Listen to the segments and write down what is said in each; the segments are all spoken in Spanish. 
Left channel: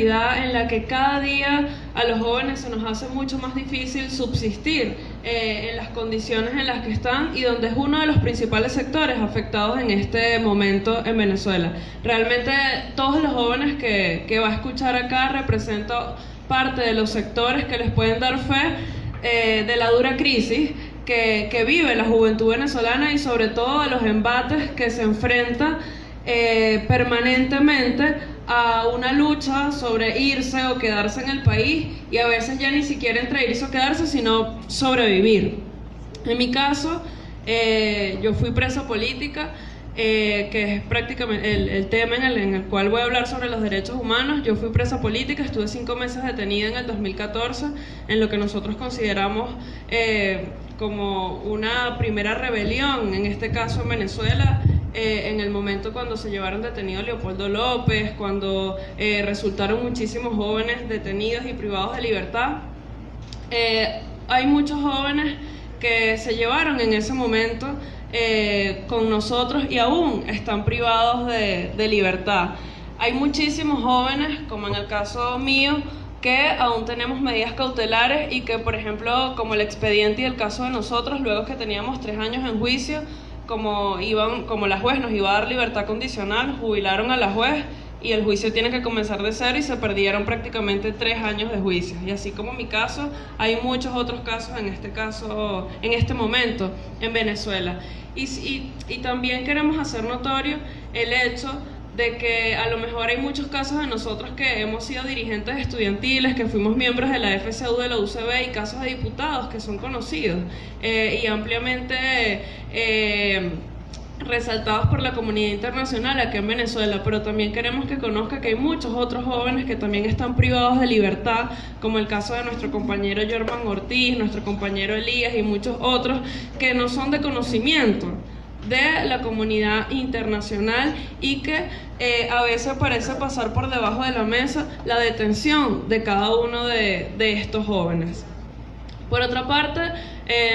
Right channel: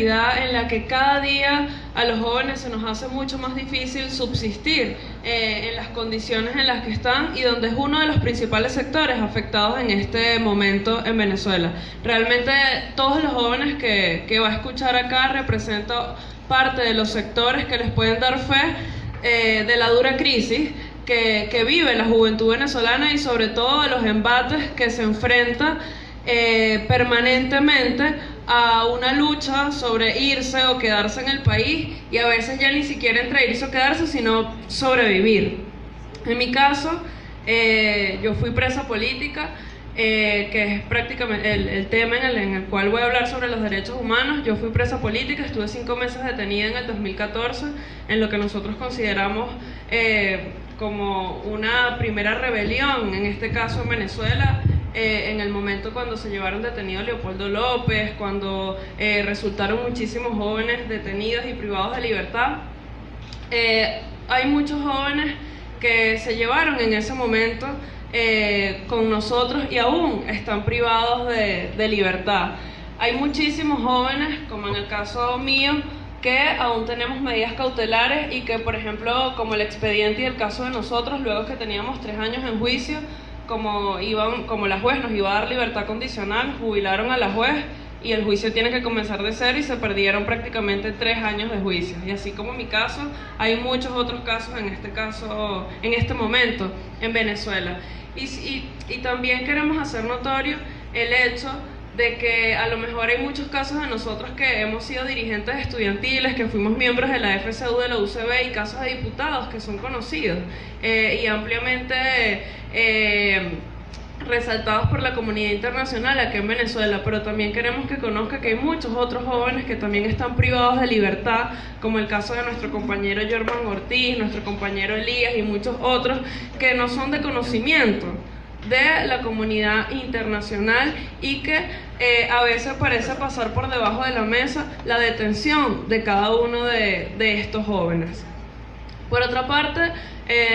realidad en la que cada día a los jóvenes se nos hace mucho más difícil subsistir en las condiciones en las que están y donde es uno de los principales sectores afectados en este momento en Venezuela. Realmente todos los jóvenes que va a escuchar acá representan parte de los sectores que les pueden dar fe de la dura crisis que vive la juventud venezolana y sobre todo los embates que se enfrenta permanentemente a una lucha sobre irse o quedarse en el país, y a veces ya ni siquiera entre irse o quedarse, sino sobrevivir. En mi caso, yo fui presa política, que es prácticamente el tema en el cual voy a hablar sobre los derechos humanos. Yo fui presa política, estuve 5 meses detenida en el 2014, en lo que nosotros consideramos como una primera rebelión, en este caso en Venezuela, en el momento cuando se llevaron detenido a Leopoldo López, cuando resultaron muchísimos jóvenes detenidos y privados de libertad. Hay muchos jóvenes que se llevaron en ese momento con nosotros y aún están privados de libertad. Hay muchísimos jóvenes, como en el caso mío, que aún tenemos medidas cautelares y que, por ejemplo, como el expediente y el caso de nosotros, luego que teníamos 3 años en juicio, como la juez nos iba a dar libertad condicional, jubilaron a la juez y el juicio tiene que comenzar de cero y se perdieron prácticamente 3 años de juicio. Y así como mi caso, hay muchos otros casos en este momento en Venezuela. Y también queremos hacer notorio el hecho de que a lo mejor hay muchos casos de nosotros que hemos sido dirigentes estudiantiles, que fuimos miembros de la FCU, de la UCB, y casos de diputados que son conocidos y ampliamente resaltados por la comunidad internacional aquí en Venezuela, pero también queremos que conozca que hay muchos otros jóvenes que también están privados de libertad, como el caso de nuestro compañero Germán Ortiz, nuestro compañero Elías y muchos otros que no son de conocimiento de la comunidad internacional y que a veces parece pasar por debajo de la mesa la detención de cada uno de estos jóvenes. Por otra parte,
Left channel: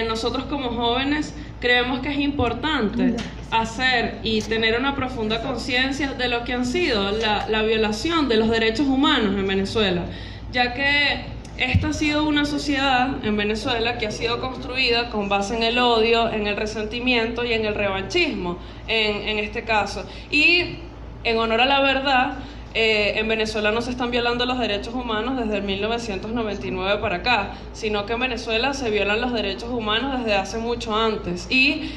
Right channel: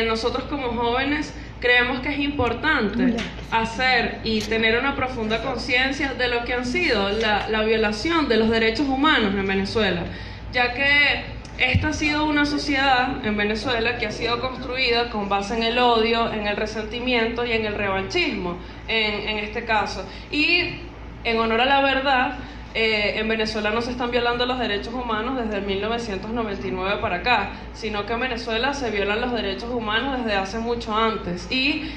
nosotros como jóvenes creemos que es importante hacer y tener una profunda conciencia de lo que han sido la violación de los derechos humanos en Venezuela, ya que esta ha sido una sociedad en Venezuela que ha sido construida con base en el odio, en el resentimiento y en el revanchismo, en este caso. Y en honor a la verdad, en Venezuela no se están violando los derechos humanos desde el 1999 para acá, sino que en Venezuela se violan los derechos humanos desde hace mucho antes. Y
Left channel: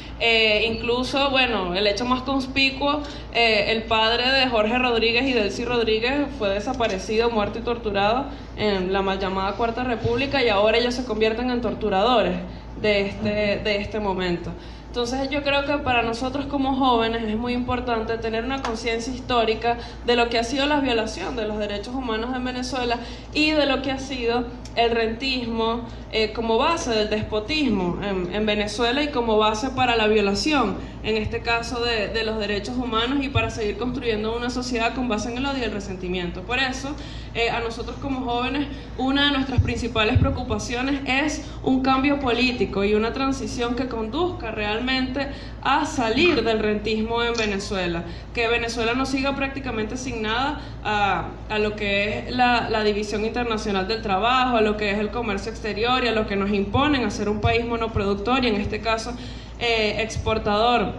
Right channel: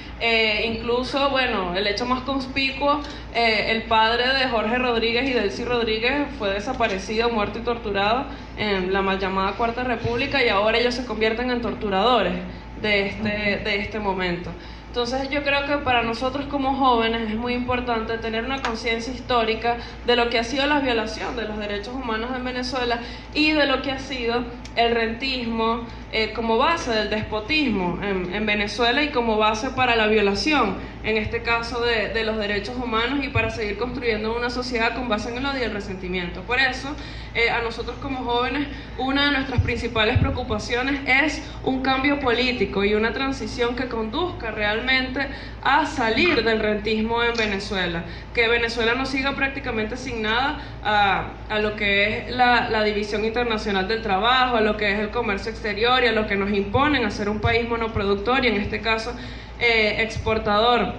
incluso, bueno, el hecho más conspicuo, el padre de Jorge Rodríguez y Delcy Rodríguez fue desaparecido, muerto y torturado en la mal llamada Cuarta República, y ahora ellos se convierten en torturadores de este momento. Entonces yo creo que para nosotros como jóvenes es muy importante tener una conciencia histórica de lo que ha sido la violación de los derechos humanos en Venezuela y de lo que ha sido el rentismo como base del despotismo en Venezuela y como base para la violación, en este caso de los derechos humanos, y para seguir construyendo una sociedad con base en el odio y el resentimiento. Por eso, a nosotros como jóvenes, una de nuestras principales preocupaciones es un cambio político y una transición que conduzca realmente a salir del rentismo en Venezuela, que Venezuela no siga prácticamente asignada a lo que es la división internacional del trabajo, a lo que es el comercio exterior y a lo que nos imponen a ser un país monoproductor y en este caso exportador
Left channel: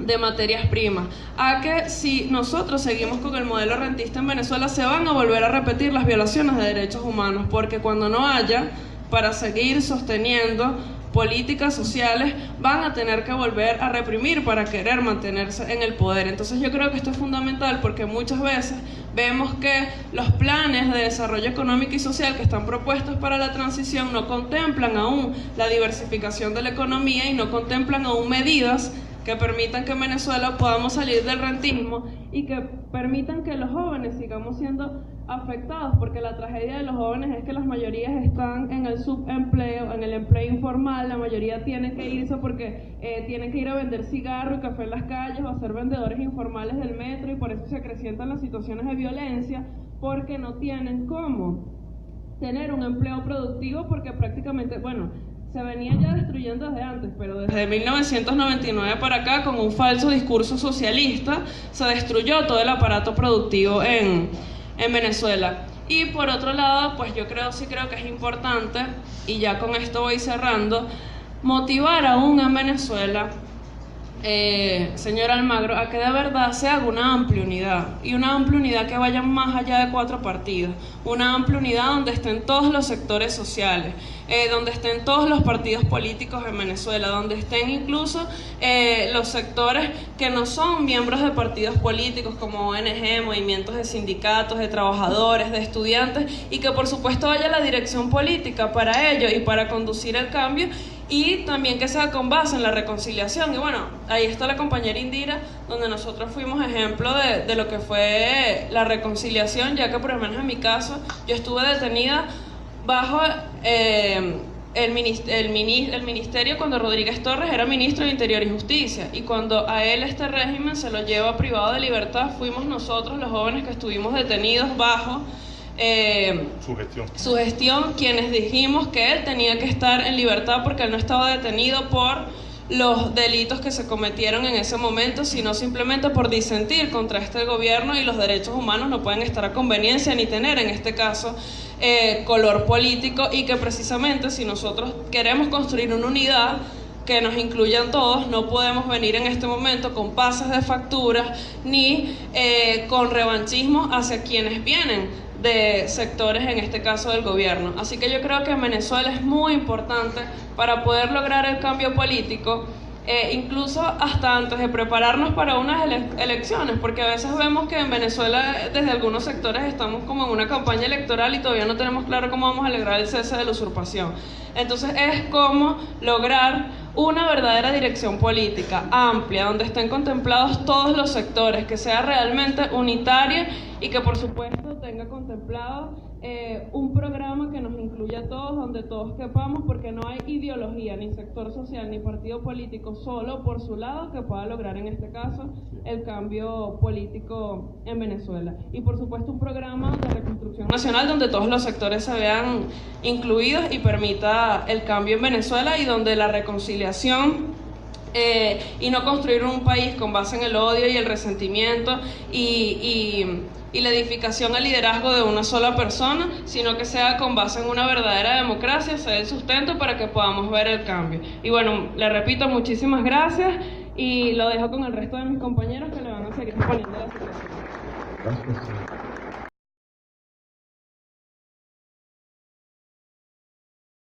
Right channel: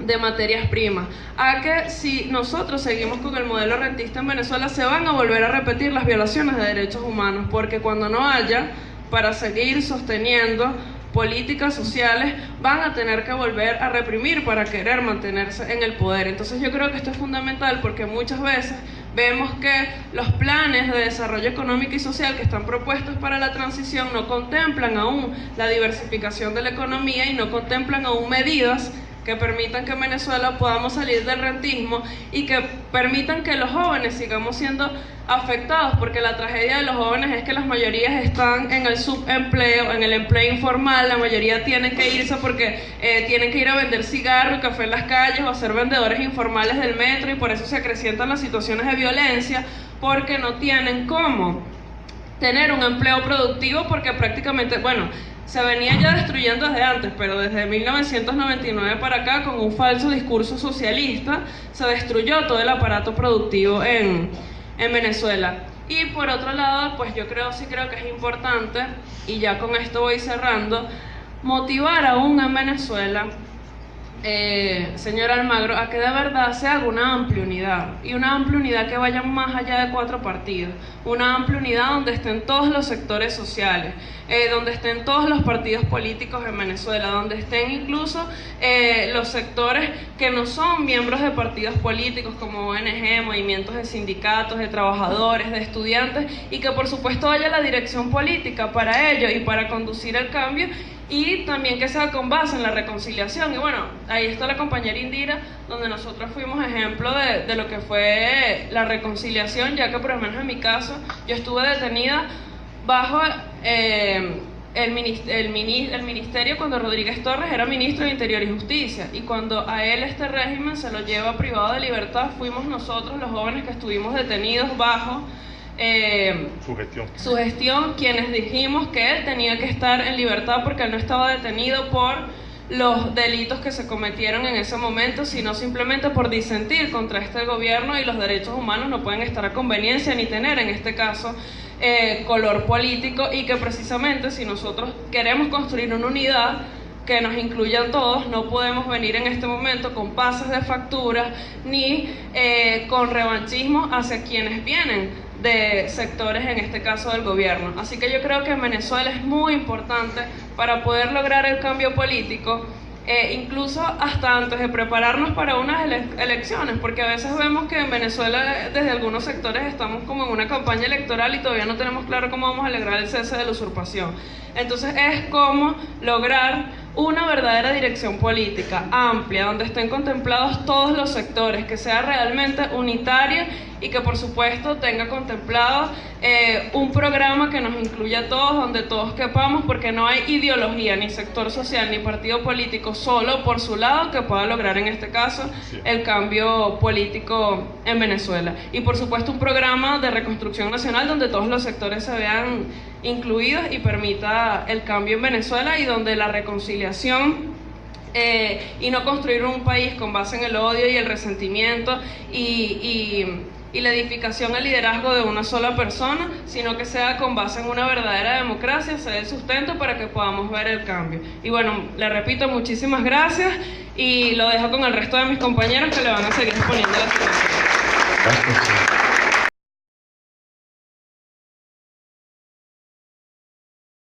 de materias primas, a que si nosotros seguimos con el modelo rentista en Venezuela se van a volver a repetir las violaciones de derechos humanos, porque cuando no haya para seguir sosteniendo políticas sociales van a tener que volver a reprimir para querer mantenerse en el poder. Entonces yo creo que esto es fundamental porque muchas veces vemos que los planes de desarrollo económico y social que están propuestos para la transición no contemplan aún la diversificación de la economía y no contemplan aún medidas que permitan que en Venezuela podamos salir del rentismo y que permitan que los jóvenes sigamos siendo afectados, porque la tragedia de los jóvenes es que las mayorías están en el subempleo, en el empleo informal. La mayoría tienen que irse porque tienen que ir a vender cigarro y café en las calles o a ser vendedores informales del metro, y por eso se acrecientan las situaciones de violencia, porque no tienen cómo tener un empleo productivo, porque prácticamente, bueno, se venía ya destruyendo desde antes, pero desde 1999 para acá, con un falso discurso socialista, se destruyó todo el aparato productivo en Venezuela. Y por otro lado, pues yo sí creo que es importante, y ya con esto voy cerrando, motivar aún a Venezuela, señor Almagro, a que de verdad se haga una amplia unidad, y una amplia unidad que vaya más allá de 4 partidos, una amplia unidad donde estén todos los sectores sociales, donde estén todos los partidos políticos en Venezuela, donde estén incluso los sectores que no son miembros de partidos políticos como ONG, movimientos de sindicatos, de trabajadores, de estudiantes, y que por supuesto haya la dirección política para ello y para conducir el cambio, y también que sea con base en la reconciliación. Y bueno, ahí está la compañera Indira, donde nosotros fuimos ejemplo de lo que fue la reconciliación, ya que por lo menos en mi caso yo estuve detenida bajo el ministerio cuando Rodríguez Torres era ministro de Interior y Justicia, y cuando a él este régimen se lo lleva privado de libertad, fuimos nosotros los jóvenes que estuvimos detenidos bajo su gestión, quienes dijimos que él tenía que estar en libertad porque él no estaba detenido por los delitos que se cometieron en ese momento, sino simplemente por disentir contra este gobierno, y los derechos humanos no pueden estar a conveniencia ni tener en este caso color político, y que precisamente si nosotros queremos construir una unidad que nos incluyan todos, no podemos venir en este momento con pases de facturas ni con revanchismo hacia quienes vienen de sectores, en este caso del gobierno. Así que yo creo que en Venezuela es muy importante para poder lograr el cambio político, incluso hasta antes de prepararnos para unas elecciones, porque a veces vemos que en Venezuela desde algunos sectores estamos como en una campaña electoral y todavía no tenemos claro cómo vamos a lograr el cese de la usurpación. Entonces es cómo lograr una verdadera dirección política amplia, donde estén contemplados todos los sectores, que sea realmente unitaria y que por supuesto tenga contemplado un programa que nos incluya a todos, donde todos quepamos, porque no hay ideología, ni sector social, ni partido político solo por su lado que pueda lograr en este caso el cambio político en Venezuela. Y por supuesto un programa de reconstrucción nacional donde todos los sectores se vean incluidos y permita el cambio en Venezuela, y donde la reconciliación y no construir un país con base en el odio y el resentimiento y la edificación al liderazgo de una sola persona, sino que sea con base en una verdadera democracia, sea el sustento para que podamos ver el cambio. Y bueno, le repito, muchísimas gracias, y lo dejo con el resto de mis compañeros que le van a seguir exponiendo la situación. Gracias.